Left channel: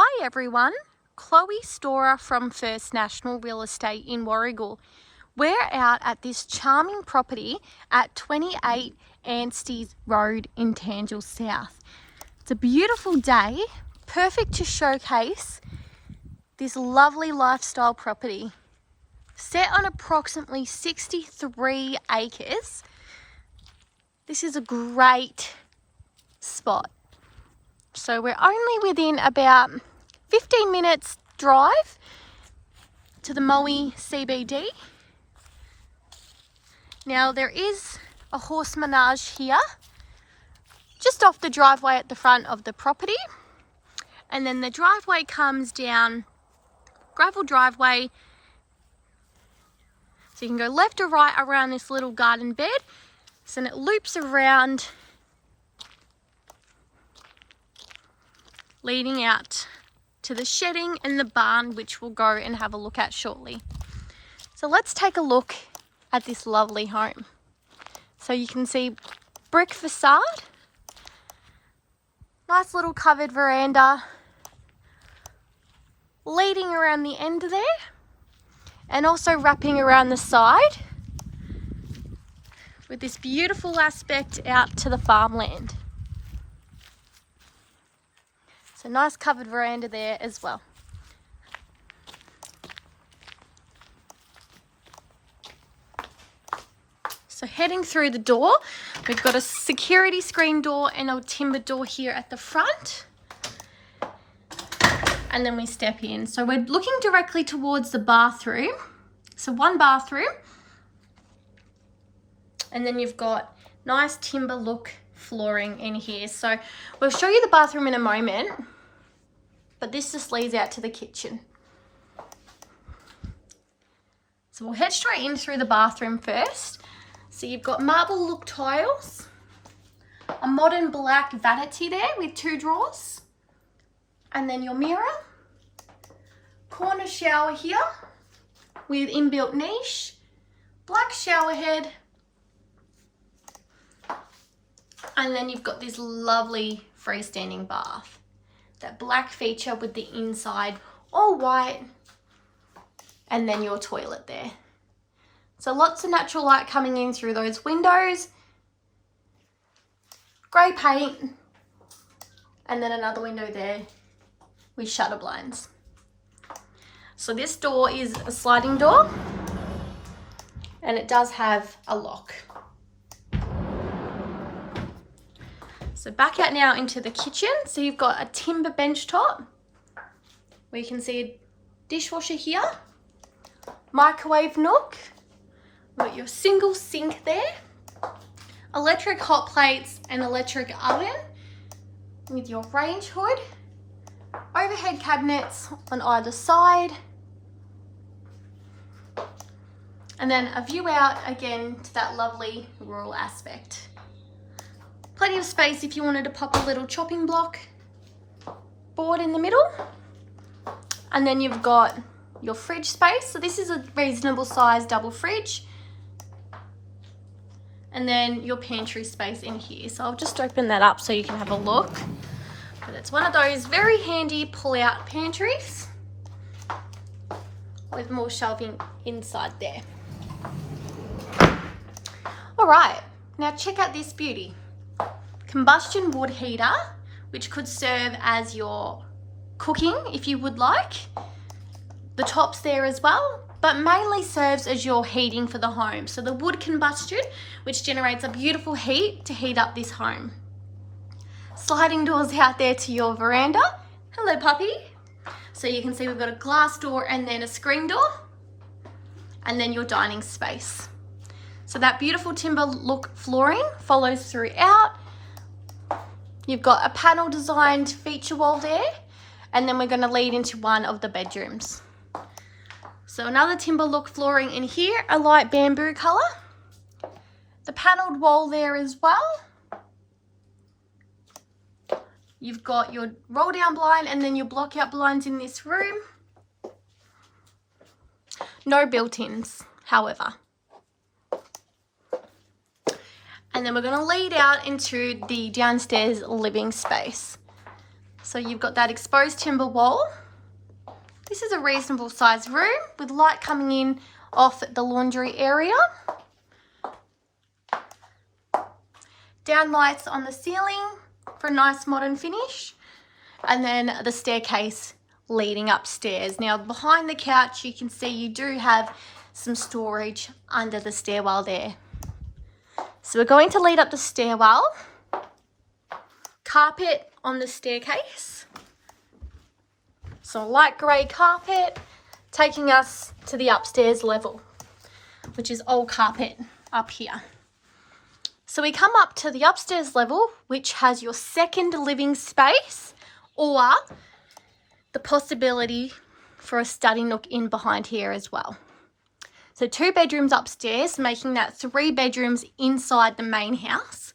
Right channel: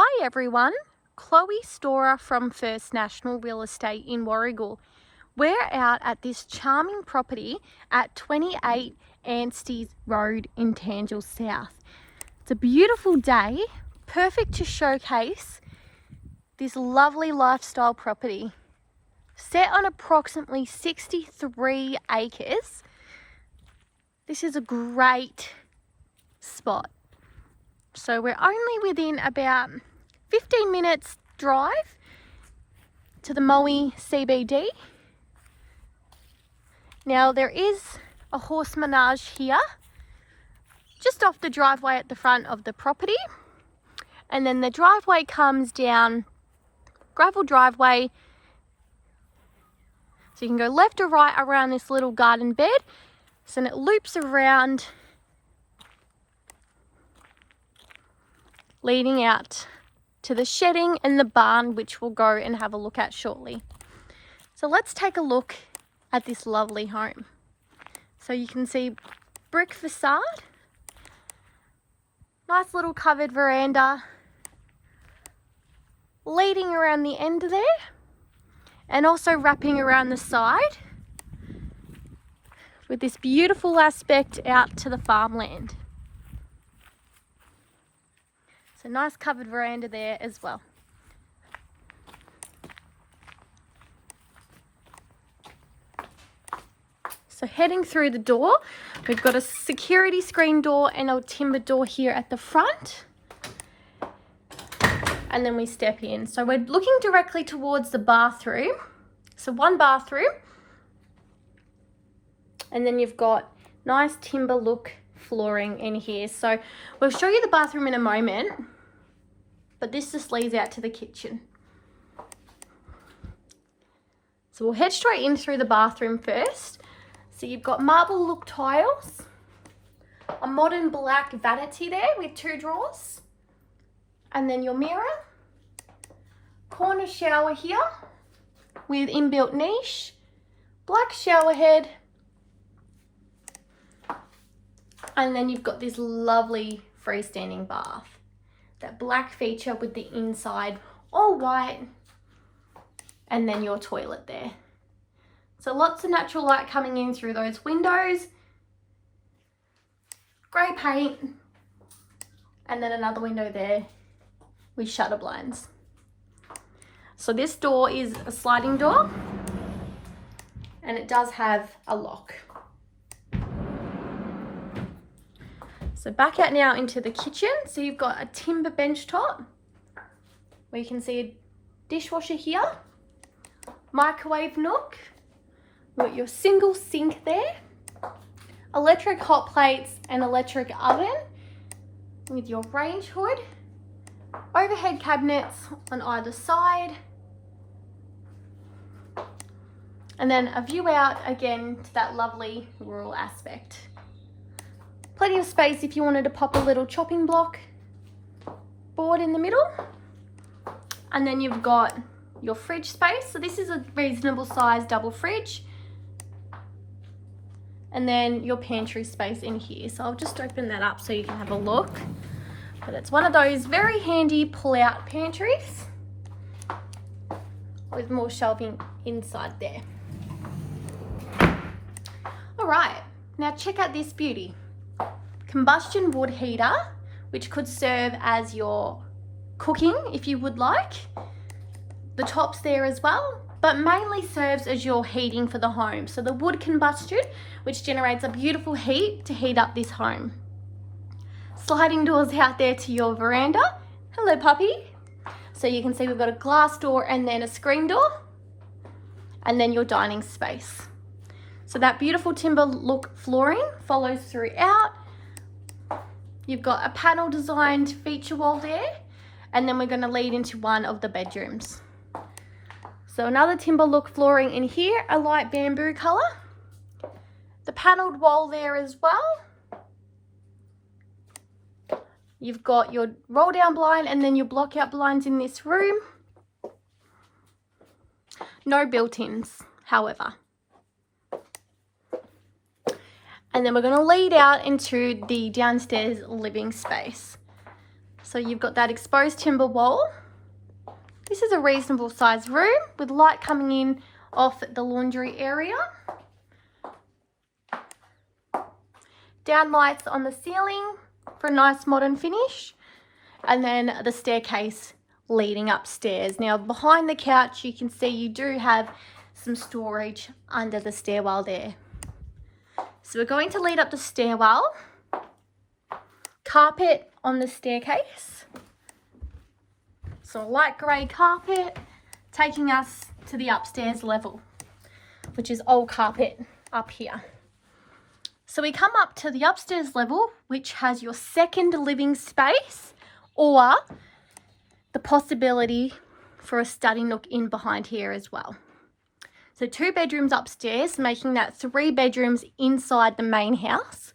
Hi everyone, Chloe Storer from First National Real Estate in Warragul. We're out at this charming property at 28 Anstey Road in Tanjil South. It's a beautiful day, perfect to showcase this lovely lifestyle property. Set on approximately 63 acres, this is a great spot. So we're only within about 15 minutes drive to the Moe CBD. Now there is a horse menage here, just off the driveway at the front of the property. And then the driveway comes down, gravel driveway. So you can go left or right around this little garden bed. So then it loops around, leading out to the shedding and the barn, which we'll go and have a look at shortly. So let's take a look at this lovely home. So you can see brick facade, nice little covered veranda leading around the end there and also wrapping around the side with this beautiful aspect out to the farmland. So nice covered veranda there as well. So heading through the door, we've got a security screen door and a timber door here at the front. And then we step in. So we're looking directly towards the bathroom. So one bathroom. And then you've got nice timber look flooring in here. So we'll show you the bathroom in a moment, but this just leads out to the kitchen. So we'll head straight in through the bathroom first. So you've got marble look tiles, a modern black vanity there with 2 drawers, and then your mirror, corner shower here with inbuilt niche, black shower head, and then you've got this lovely freestanding bath. That black feature with the inside all white, and then your toilet there. So lots of natural light coming in through those windows, grey paint, and then another window there with shutter blinds. So this door is a sliding door and it does have a lock. So back out now into the kitchen. So you've got a timber bench top where you can see a dishwasher here, microwave nook, we've got your single sink there, electric hot plates and electric oven with your range hood, overhead cabinets on either side, and then a view out again to that lovely rural aspect. Plenty of space if you wanted to pop a little chopping block board in the middle. And then you've got your fridge space. So this is a reasonable size double fridge. And then your pantry space in here. So I'll just open that up so you can have a look. But it's one of those very handy pull-out pantries with more shelving inside there. All right, now check out this beauty. Combustion wood heater, which could serve as your cooking if you would like. The top's there as well, but mainly serves as your heating for the home. So the wood combustion, which generates a beautiful heat to heat up this home. Sliding doors out there to your veranda. Hello, puppy. So you can see we've got a glass door and then a screen door, and then your dining space. So that beautiful timber look flooring follows throughout. You've got a panel designed feature wall there, and then we're going to lead into one of the bedrooms. So another timber look flooring in here, a light bamboo colour. The panelled wall there as well. You've got your roll down blind and then your block out blinds in this room. No built-ins, however. And then we're going to lead out into the downstairs living space. So you've got that exposed timber wall. This is a reasonable sized room with light coming in off the laundry area. Downlights on the ceiling for a nice modern finish. And then the staircase leading upstairs. Now behind the couch you can see you do have some storage under the stairwell there. So we're going to lead up the stairwell. Carpet on the staircase. Some light grey carpet taking us to the upstairs level, which is old carpet up here. So we come up to the upstairs level, which has your second living space or the possibility for a study nook in behind here as well. So 2 bedrooms upstairs, making that 3 bedrooms inside the main house.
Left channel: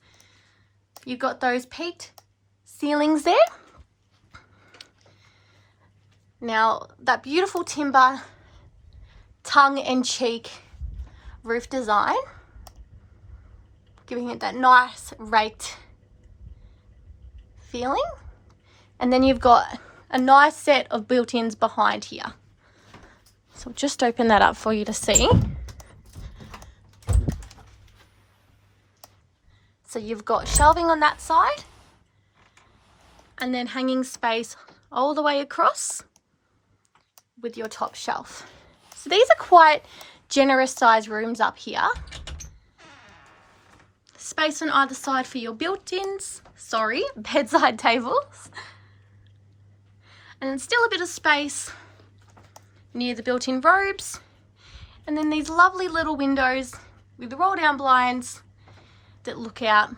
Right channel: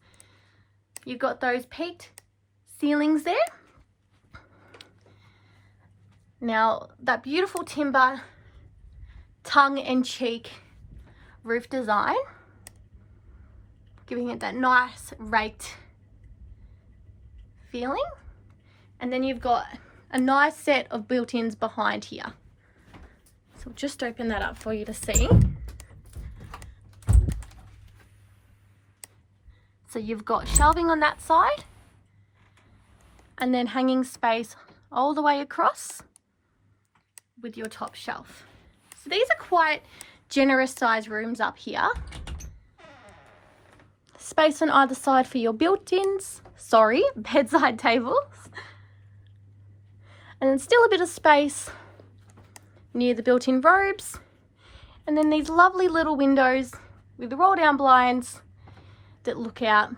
You've got those peaked ceilings there. Now that beautiful timber tongue-in-cheek roof design, giving it that nice raked feeling. And then you've got a nice set of built-ins behind here. So I'll just open that up for you to see. So you've got shelving on that side and then hanging space all the way across with your top shelf. So these are quite generous size rooms up here. Space on either side for your built-ins, bedside tables. And then still a bit of space near the built-in robes. And then these lovely little windows with the roll-down blinds that look out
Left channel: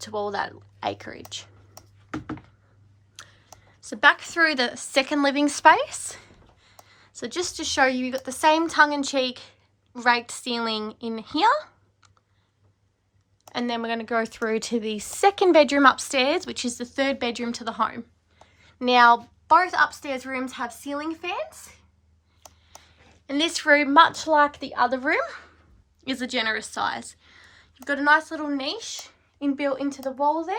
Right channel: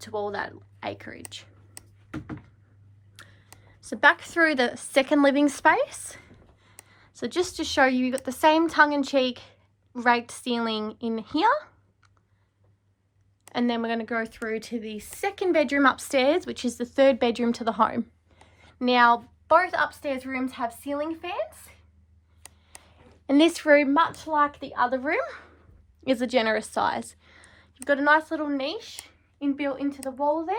to all that acreage. So back through the second living space. So just to show you, you've got the same tongue-in-cheek raked ceiling in here. And then we're going to go through to the second bedroom upstairs, which is the 3rd bedroom to the home. Now, both upstairs rooms have ceiling fans. And this room, much like the other room, is a generous size. You've got a nice little niche inbuilt into the wall there.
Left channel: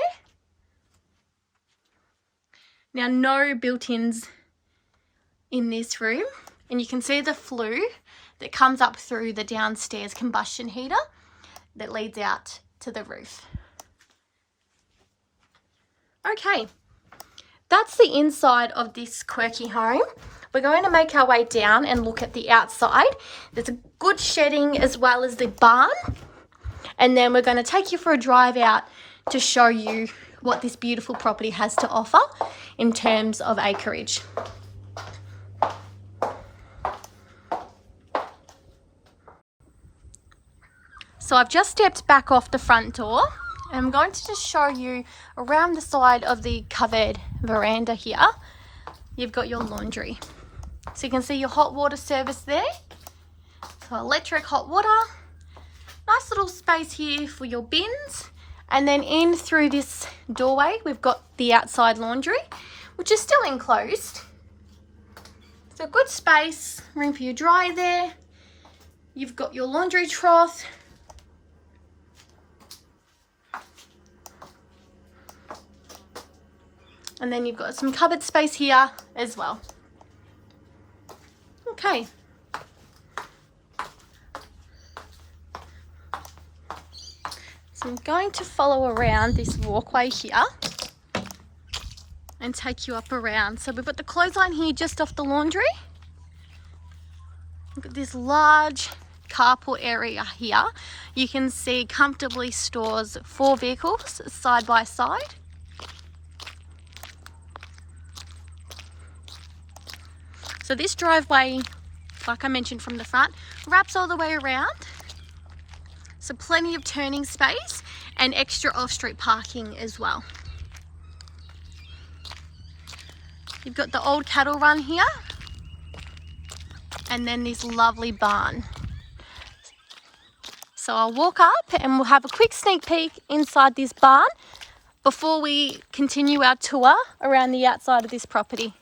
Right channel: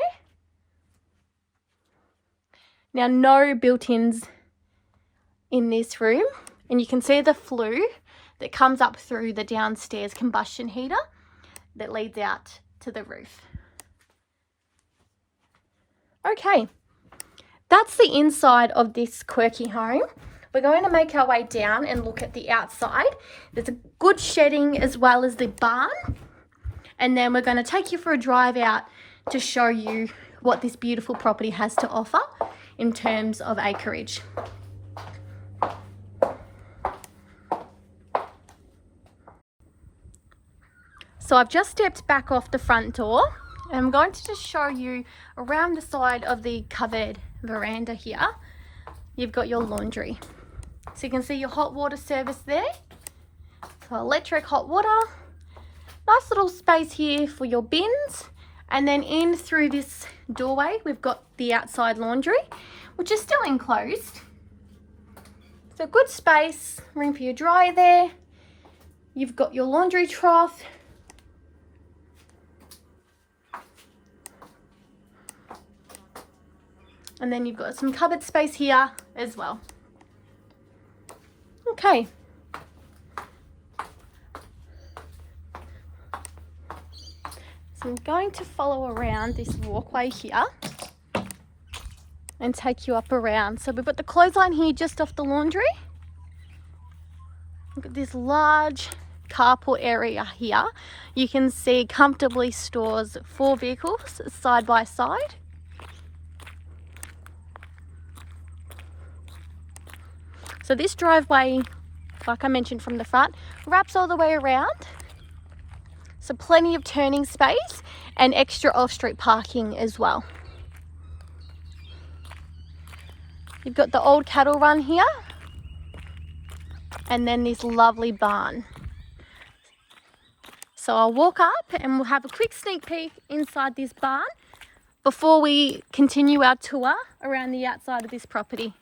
Now, no built-ins in this room. And you can see the flue that comes up through the downstairs combustion heater that leads out to the roof. Okay, that's the inside of this quirky home. We're going to make our way down and look at the outside. There's a good shedding as well as the barn. And then we're going to take you for a drive out to show you what this beautiful property has to offer in terms of acreage. So I've just stepped back off the front door and I'm going to just show you around the side of the covered veranda here. You've got your laundry. So you can see your hot water service there. So electric hot water. Nice little space here for your bins. And then in through this doorway, we've got the outside laundry, which is still enclosed. So good space, room for your dryer there. You've got your laundry trough. And then you've got some cupboard space here as well. Okay. So I'm going to follow around this walkway here and take you up around. So we've got the clothesline here just off the laundry. We've got this large carport area here. You can see comfortably stores 4 vehicles side by side. So this driveway, like I mentioned from the front, wraps all the way around. So plenty of turning space and extra off-street parking as well. You've got the old cattle run here and then this lovely barn. So I'll walk up and we'll have a quick sneak peek inside this barn before we continue our tour around the outside of this property.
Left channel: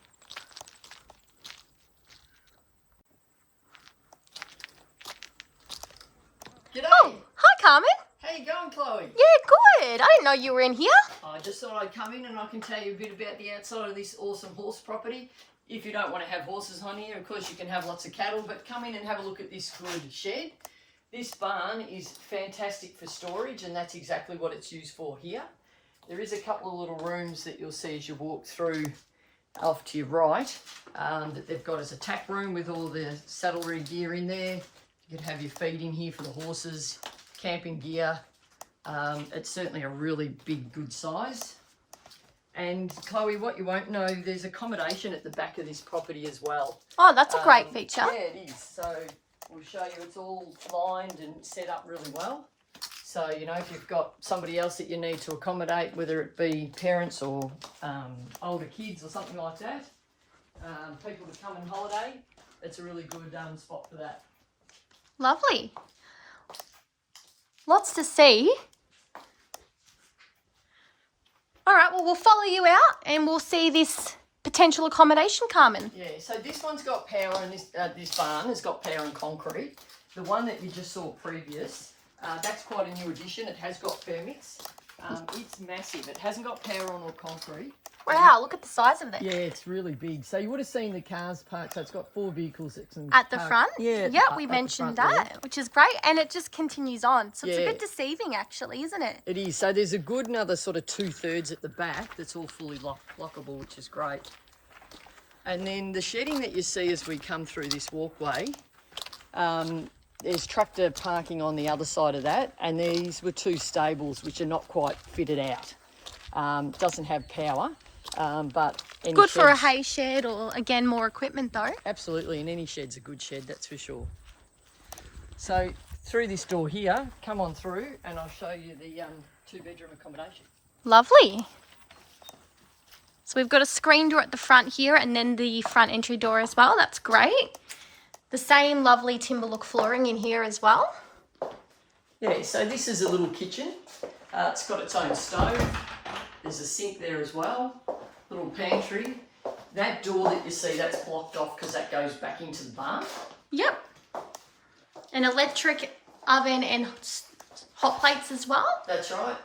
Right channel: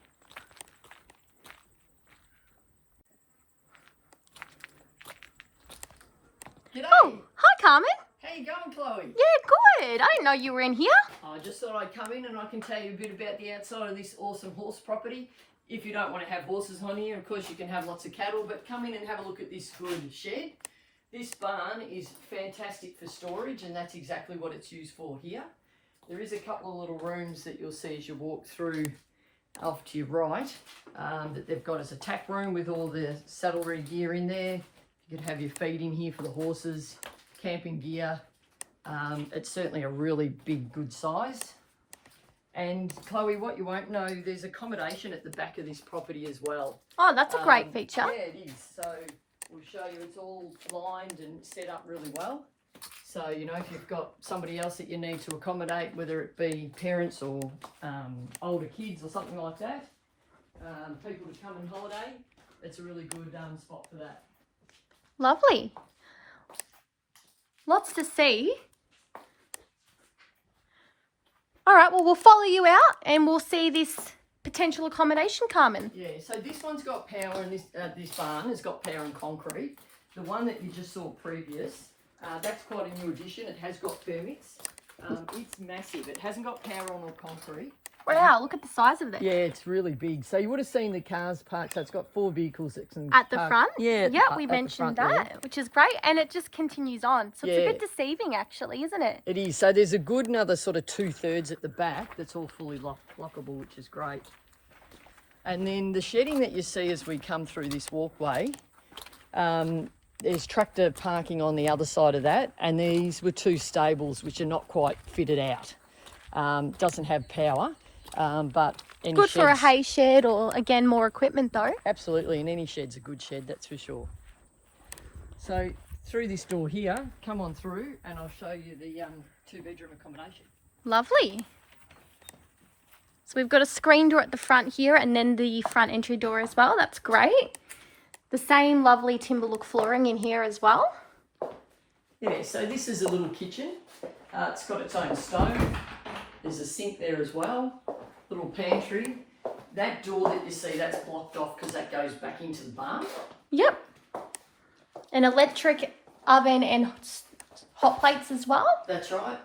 G'day. Oh, hi Carmen. How you going, Chloe? Yeah, good. I didn't know you were in here. I just thought I'd come in and I can tell you a bit about the outside of this awesome horse property. If you don't want to have horses on here, of course you can have lots of cattle, but come in and have a look at this good shed. This barn is fantastic for storage, and that's exactly what it's used for here. There is a couple of little rooms that you'll see as you walk through off to your right that they've got as a tack room with all the saddlery gear in there. You could have your feed in here for the horses, camping gear. It's certainly a really big, good size. And Chloe, what you won't know, there's accommodation at the back of this property as well. Oh, that's a great feature. Yeah, it is. So we'll show you it's all lined and set up really well. So, you know, if you've got somebody else that you need to accommodate, whether it be parents or older kids or something like that, people to come on holiday, it's a really good spot for that. Lovely. Lots to see. All right, well, we'll follow you out and we'll see this potential accommodation, Carmen. Yeah, so this one's got power and this barn has got power and concrete. The one that you just saw previous, that's quite a new addition. It has got permits. It's massive. It hasn't got power on or concrete. Wow, look at the size of it. Yeah, it's really big. So you would have seen the cars parked. So it's got 4 vehicles that can at the park. front? Yeah. Yeah, we mentioned that, which is great. And it just continues on. So it's a Yeah. bit deceiving, actually, isn't it? It is. So there's a good another sort of 2/3 at the back that's all fully lockable, which is great. And then the shedding that you see as we come through this walkway, there's tractor parking on the other side of that. And these were 2 stables, which are not quite fitted out. Doesn't have power. But good for a hay shed or, again, more equipment though. Absolutely, and any shed's a good shed, that's for sure. So through this door here, come on through and I'll show you the 2-bedroom accommodation. Lovely. So we've got a screen door at the front here and then the front entry door as well. That's great. The same lovely timber look flooring in here as well. Yeah, so this is a little kitchen. It's got its own stove. There's a sink there as well. Little pantry. That door that you see, that's blocked off because that goes back into the barn. Yep. An electric oven and hot plates as well. That's right.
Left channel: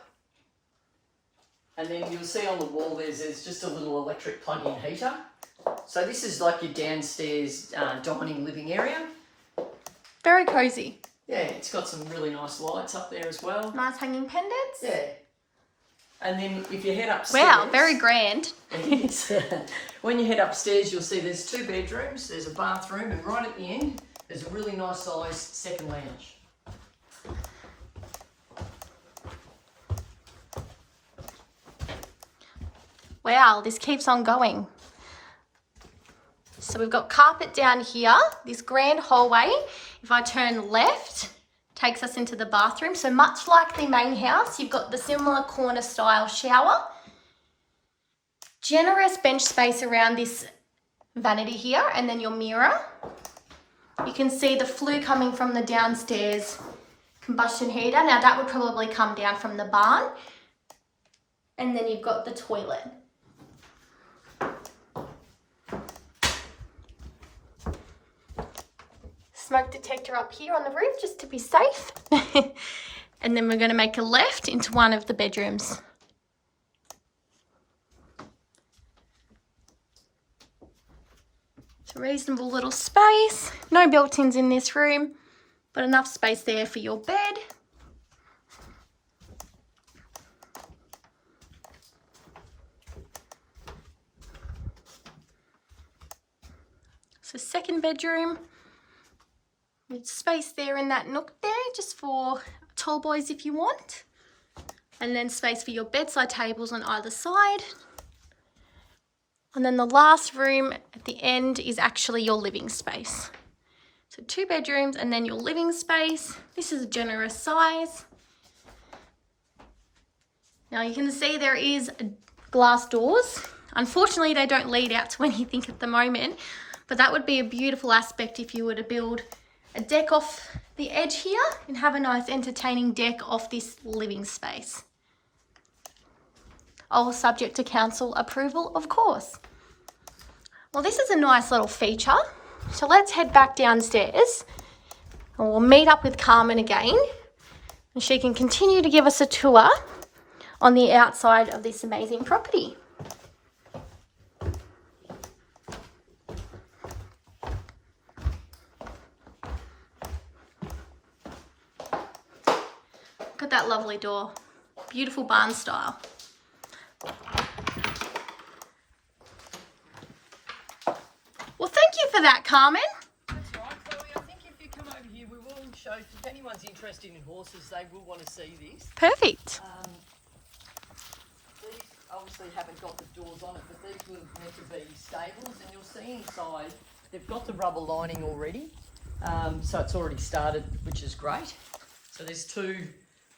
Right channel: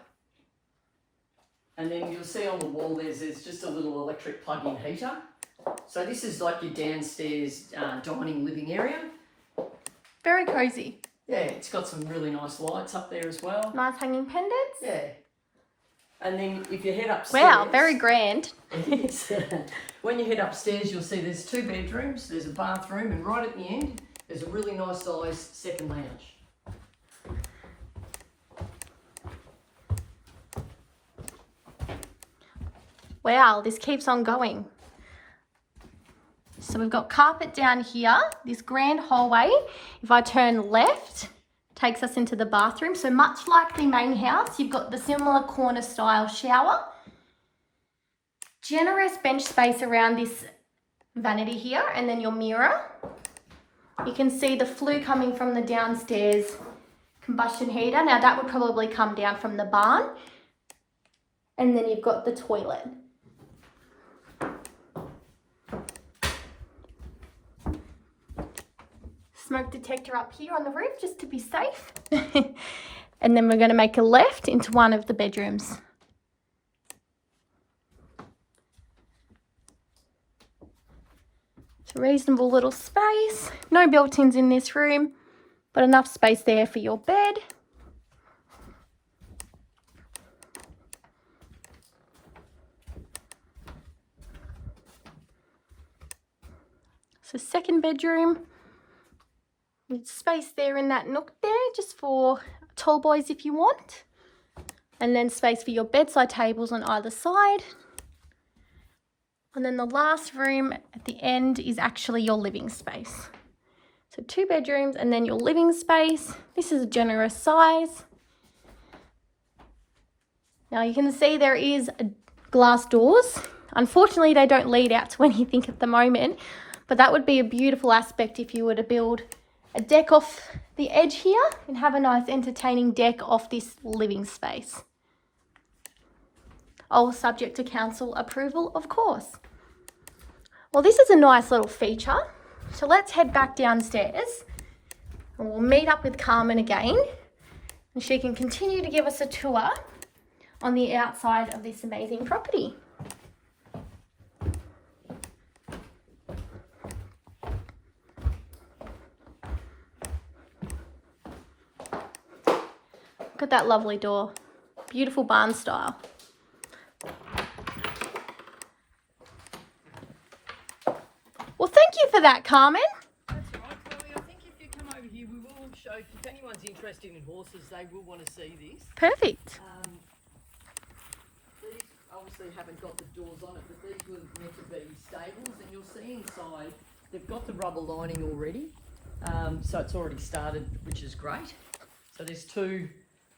And then you'll see on the wall there's just a little electric plug-in heater. So this is like your downstairs dining living area. Very cosy. Yeah, it's got some really nice lights up there as well. Nice hanging pendants. Yeah. And then if you head upstairs... Wow, very grand. When you head upstairs, you'll see there's 2 bedrooms, there's a bathroom, and right at the end, there's a really nice sized second lounge. Wow, this keeps on going. So we've got carpet down here, this grand hallway. If I turn left, takes us into the bathroom. So much like the main house, you've got the similar corner style shower. Generous bench space around this vanity here and then your mirror. You can see the flue coming from the downstairs combustion heater. Now that would probably come down from the barn. And then you've got the toilet. Smoke detector up here on the roof just to be safe. And then we're going to make a left into one of the bedrooms. It's a reasonable little space. No built-ins in this room, but enough space there for your bed. So second bedroom. Space there in that nook there, just for tall boys if you want. And then space for your bedside tables on either side. And then the last room at the end is actually your living space. So 2 bedrooms and then your living space. This is a generous size. Now you can see there is glass doors. Unfortunately, they don't lead out to anything at the moment, but that would be a beautiful aspect if you were to build a deck off the edge here and have a nice entertaining deck off this living space. All subject to council approval, of course. Well, this is a nice little feature. So let's head back downstairs and we'll meet up with Carmen again and she can continue to give us a tour on the outside of this amazing property. Look at that lovely door. Beautiful barn style. Well, thank you for that, Carmen. That's right, Chloe. I think if you come over here, we will show, if anyone's interested in horses, they will want to see this. Perfect. These obviously haven't got the doors on it, but these were meant to be stables, and you'll see inside they've got the rubber lining already, so it's already started, which is great. So there's two,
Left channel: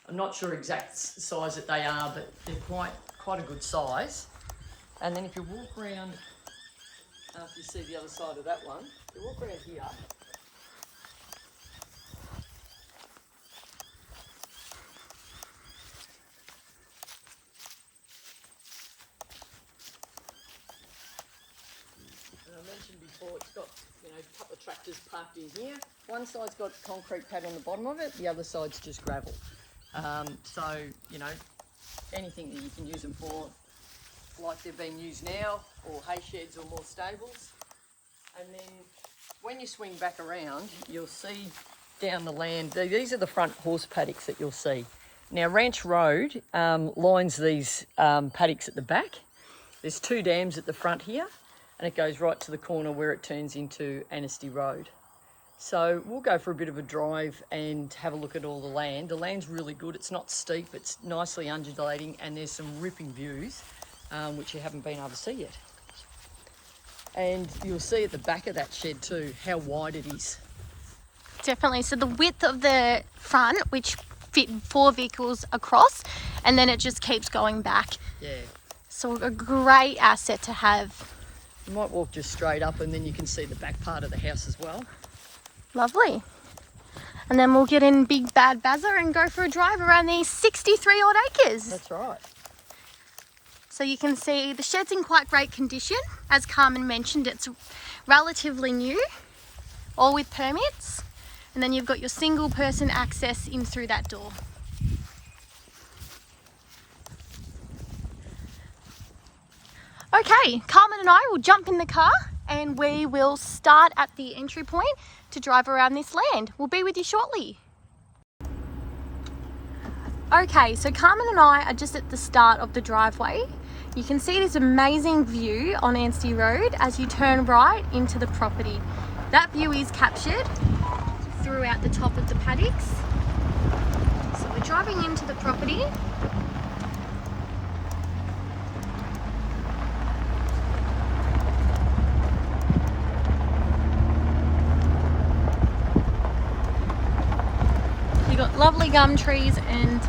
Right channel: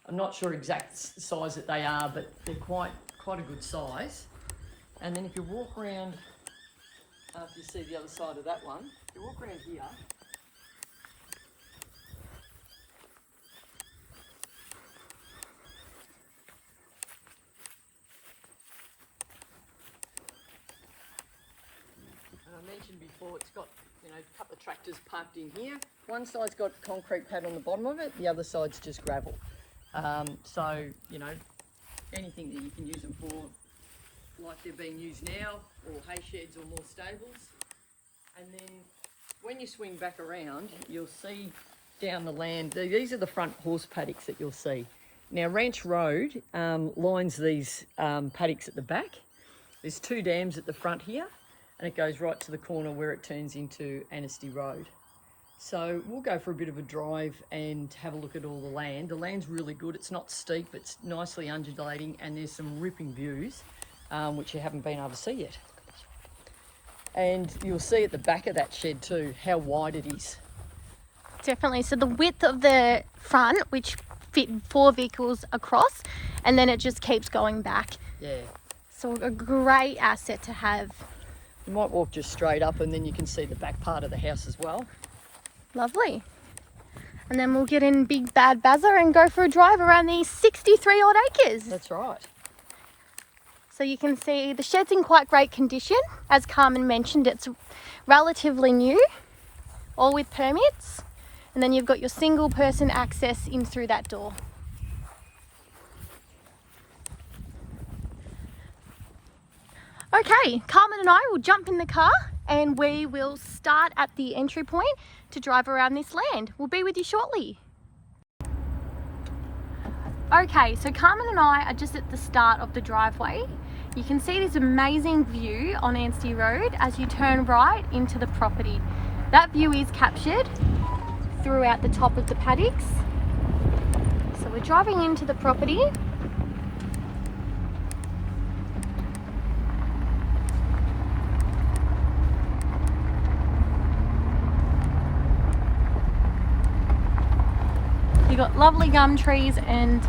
I'm not sure exact size that they are, but they're quite a good size. And then if you walk around, if you see the other side of that one, if you walk around here, I mentioned before, it's got, you know, a couple of tractors parked in here. One side's got concrete pad on the bottom of it, the other side's just gravel. So, you know, anything that you can use them for, like they're being used now, or hay sheds or more stables. And then when you swing back around, you'll see down the land, these are the front horse paddocks that you'll see. Now, Ranch Road lines these paddocks at the back. There's two dams at the front here, and it goes right to the corner where it turns into Anstey Road. So we'll go for a bit of a drive and have a look at all the land. The land's really good. It's not steep, it's nicely undulating, and there's some ripping views, which you haven't been able to see yet. And you'll see at the back of that shed too how wide it is. Definitely. So the width of the front, which fit 4 vehicles across, and then it just keeps going back. Yeah. So a great asset to have. You might walk just straight up and then you can see the back part of the house as well. Lovely. And then we'll get in Big Bad Bazza and go for a drive around these 63 odd acres. That's right. So you can see the shed's in quite great condition. As Carmen mentioned, it's relatively new, all with permits. And then you've got your single person access in through that door. Okay, Carmen and I will jump in the car and we will start at the entry point to drive around this land. We'll be with you shortly. Okay, so Carmen and I are just at the start of the driveway. You can see this amazing view on Anstey Road as you turn right into the property. That view is captured throughout the top of the paddocks. So we're driving into the property. You've got lovely gum trees and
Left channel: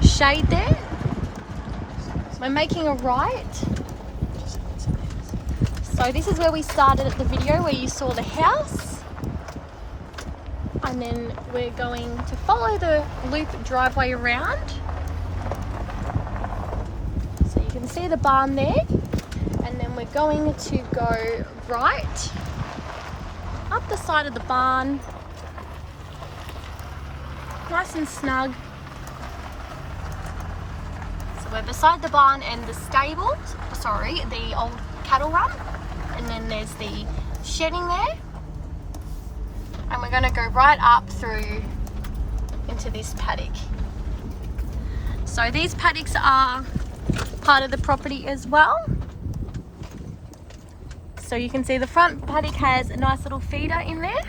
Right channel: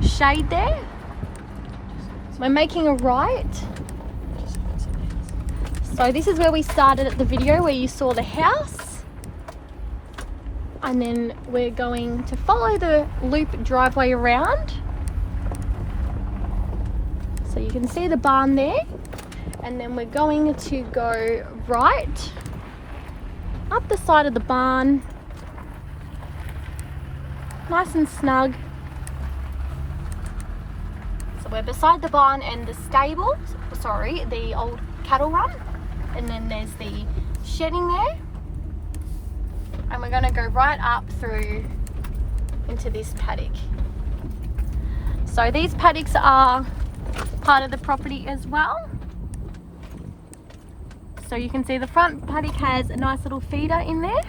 shade there. We're making a right. So this is where we started at the video where you saw the house. And then we're going to follow the loop driveway around. So you can see the barn there. And then we're going to go right up the side of the barn. Nice and snug. So we're beside the barn and the stable, sorry, the old cattle run. And then there's the shedding there. And we're gonna go right up through into this paddock. So these paddocks are part of the property as well. So you can see the front paddock has a nice little feeder in there.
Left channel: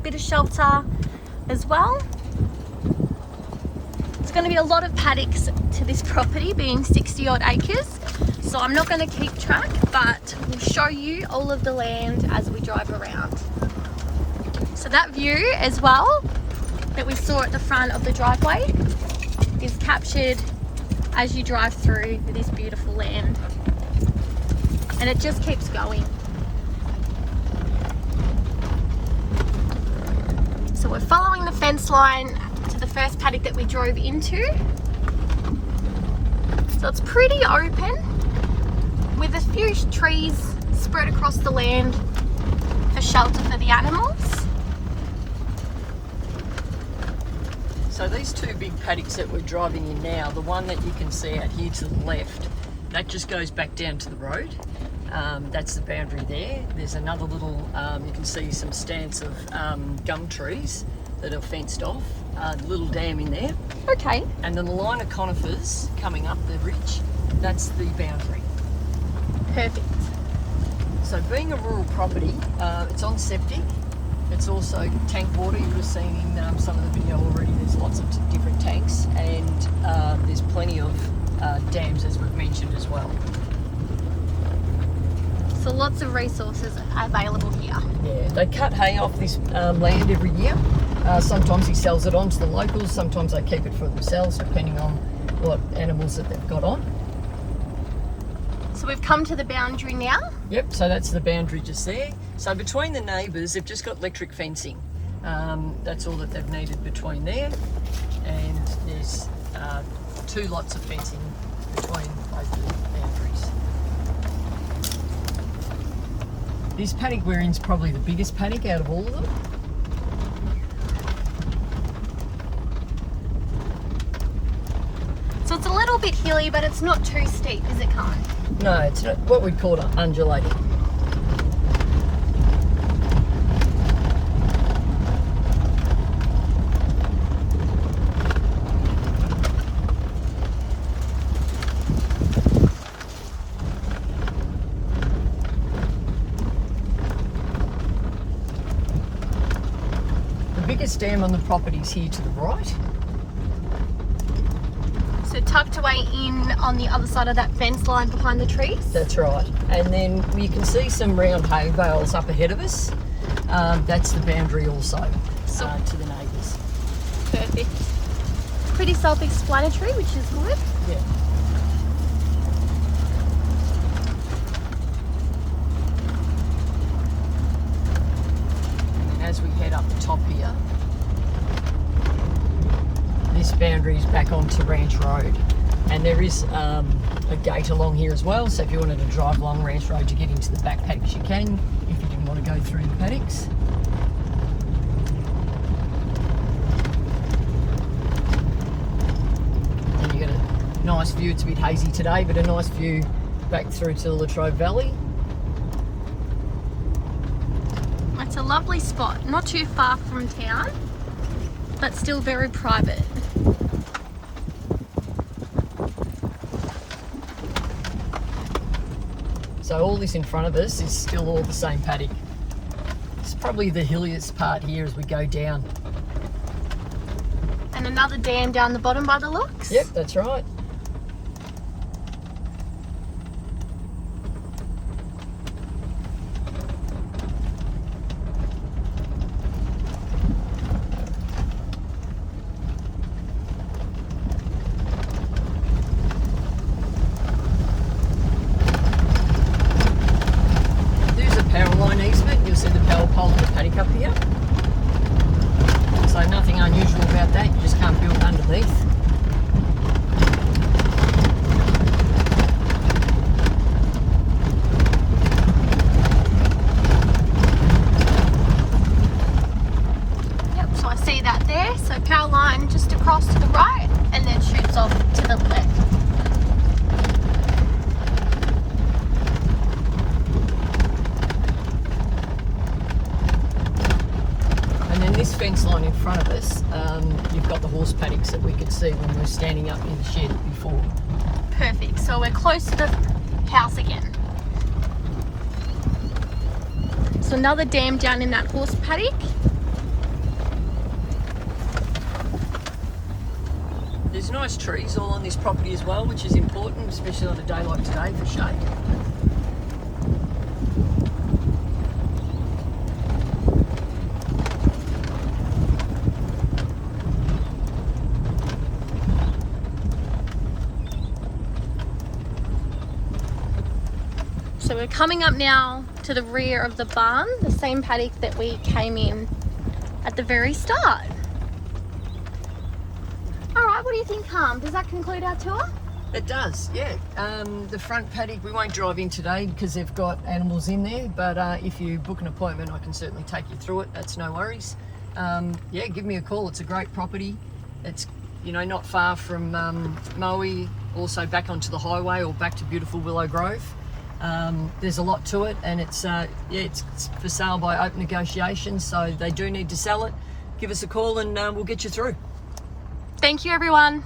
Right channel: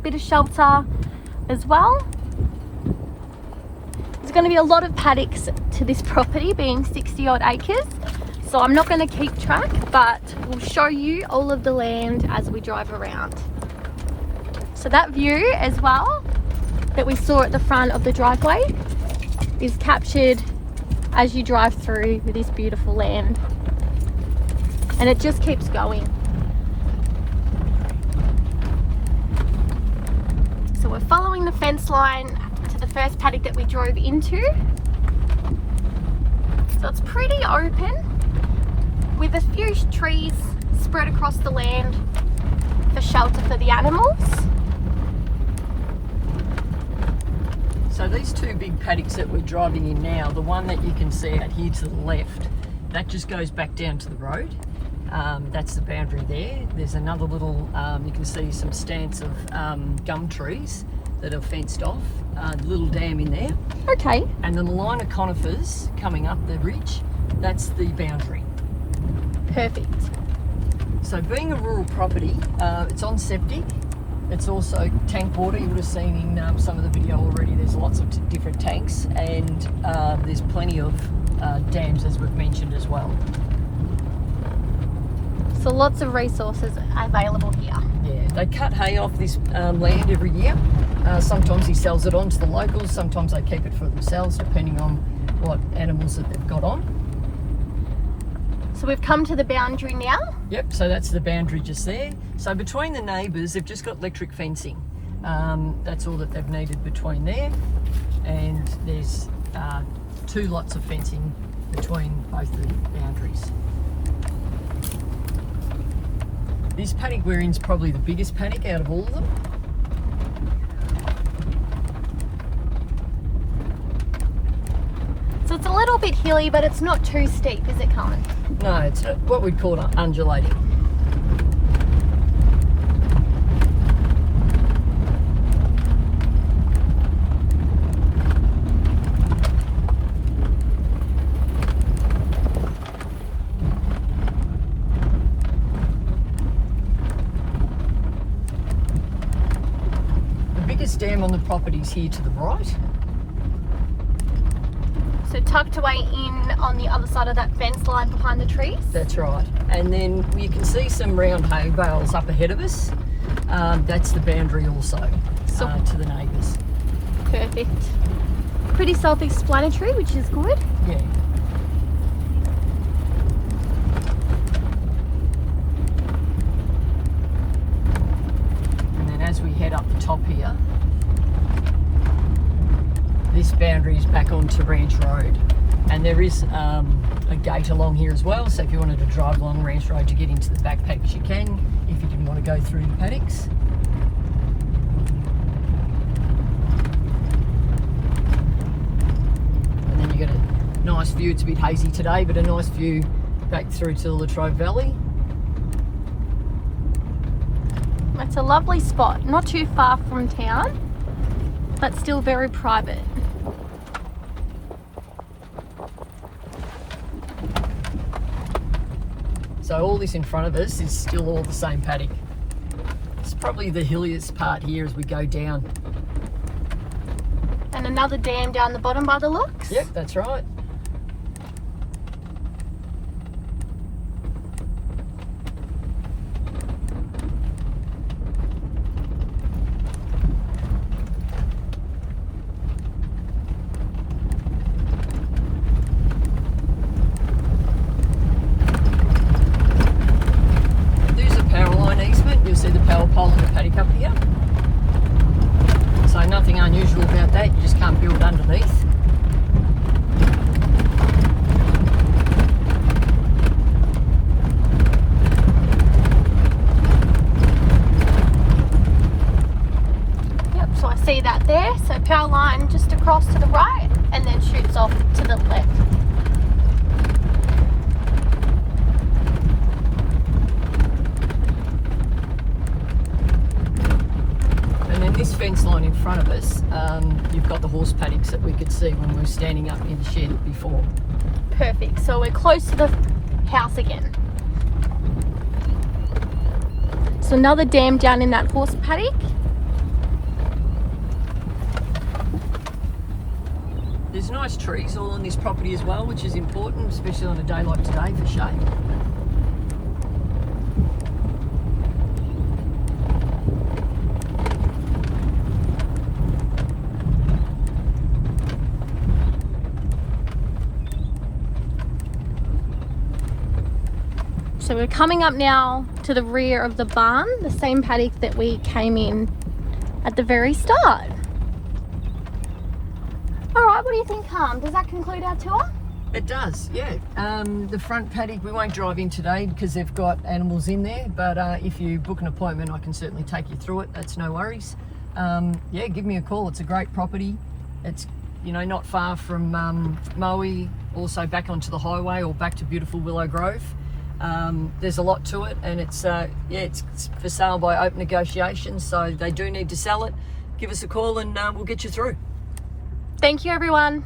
Bit of shelter as well. There's going to be a lot of paddocks to this property, being 60 odd acres, so I'm not going to keep track, but we'll show you all of the land as we drive around. So that view as well that we saw at the front of the driveway is captured as you drive through this beautiful land, and it just keeps going. So we're following the fence line first paddock that we drove into. So it's pretty open with a few trees spread across the land for shelter for the animals. So these two big paddocks that we're driving in now, the one that you can see out here to the left, that just goes back down to the road. That's the boundary there. There's another little, you can see some stands of gum trees that are fenced off, little dam in there. Okay. And then the line of conifers coming up the ridge, that's the boundary. Perfect. So being a rural property, it's on septic. It's also tank water. You would have seen in some of the video already, there's lots of different tanks, and there's plenty of dams, as we've mentioned as well. So lots of resources available here. Yeah, they cut hay off this land every year. Sometimes he sells it on to the locals, sometimes they keep it for themselves, depending on what animals that they've got on. So we've come to the boundary now. Yep, so that's the boundary just there. So between the neighbours, they've just got electric fencing. That's all that they've needed between there. And there's 2 lots of fencing between both the boundaries. This paddock we're in is probably the biggest paddock out of all of them. So it's a little bit hilly, but it's not too steep, is it, Karen? No, it's not what we'd call undulating. The biggest dam on the property is here to the right. So tucked away in on the other side of that fence line behind the trees. That's right. And then you can see some round hay bales up ahead of us. That's the boundary also to the neighbours. Perfect. Pretty self-explanatory, which is good. Yeah. And then as we head up the top here, this boundary is back onto Ranch Road. And there is a gate along here as well, so if you wanted to drive along Ranch Road to get into the back paddocks, you can, if you didn't want to go through the paddocks. And then you get a nice view. It's a bit hazy today, but a nice view back through to the Latrobe Valley. It's a lovely spot, not too far from town, but still very private. So all this in front of us is still all the same paddock. It's probably the hilliest part here as we go down. And another dam down the bottom by the looks. Yep, that's right. Easement, you'll see the power pole and the paddock up here. So nothing unusual about that, you just can't build underneath. Yep, so I see that there. So power line just across to the right and then shoots off to the left. Fence line in front of us, you've got the horse paddocks that we could see when we were standing up in the shed before. Perfect, so we're close to the house again. So another dam down in that horse paddock. There's nice trees all on this property as well, which is important, especially on a day like today for shade. So we're coming up now to the rear of the barn, the same paddock that we came in at the very start. All right, what do you think, Harm? Does that conclude our tour? It does, yeah. The front paddock, we won't drive in today because they've got animals in there, but if you book an appointment, I can certainly take you through it. That's no worries. Yeah, give me a call. It's a great property. It's, you know, not far from Moe, also back onto the highway or back to beautiful Willow Grove. There's a lot to it, and it's for sale by open negotiations, so they do need to sell it. Give us a call and we'll get you through. Thank you, everyone.